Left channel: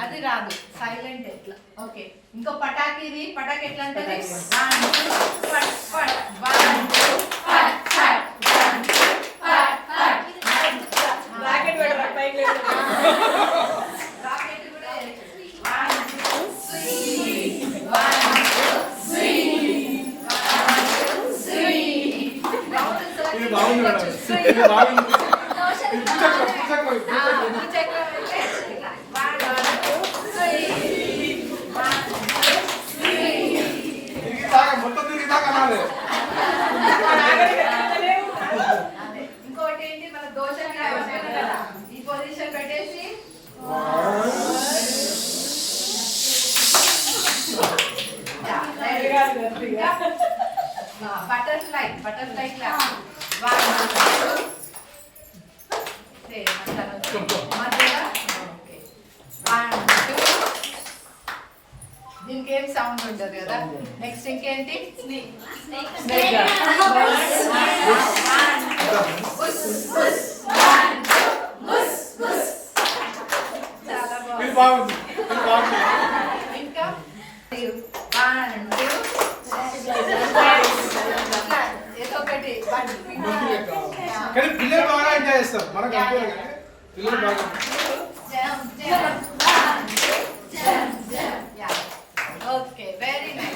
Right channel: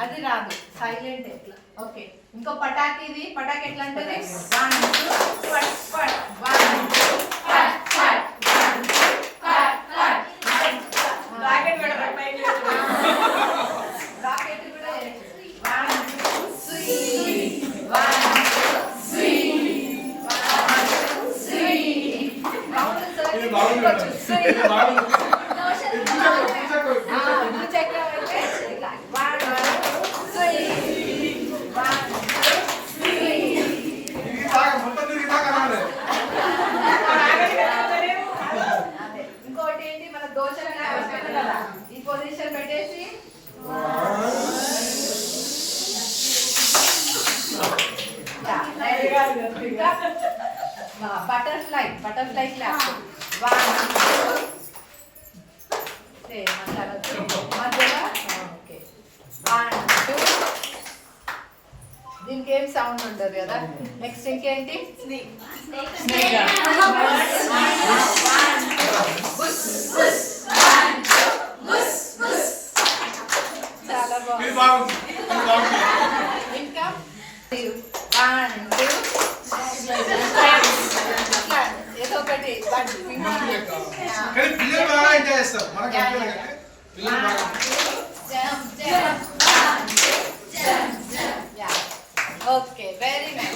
అది రాదు సైలెంట్ ఎట్లా ఓకే ఇంకో పటాకి ఇది పటాకి ఎట్లా అంటే ఇంకోటి ఏంటి మన దోశ కదా ఈ పొజిషన్ పెట్టేసి బటర్ఫ్లై క్లాప్ దీనికి ఏం సౌండ్ ఉండదు కదా నెక్స్ట్ ఇంకేంటి చాలా బాగుంది ఇంకా ఏదో ఒకటి పిల్లలు బాగా ఎంజాయ్ చేస్తారు మనకు పిల్లలు బాగా ఓకే వెరీ నైస్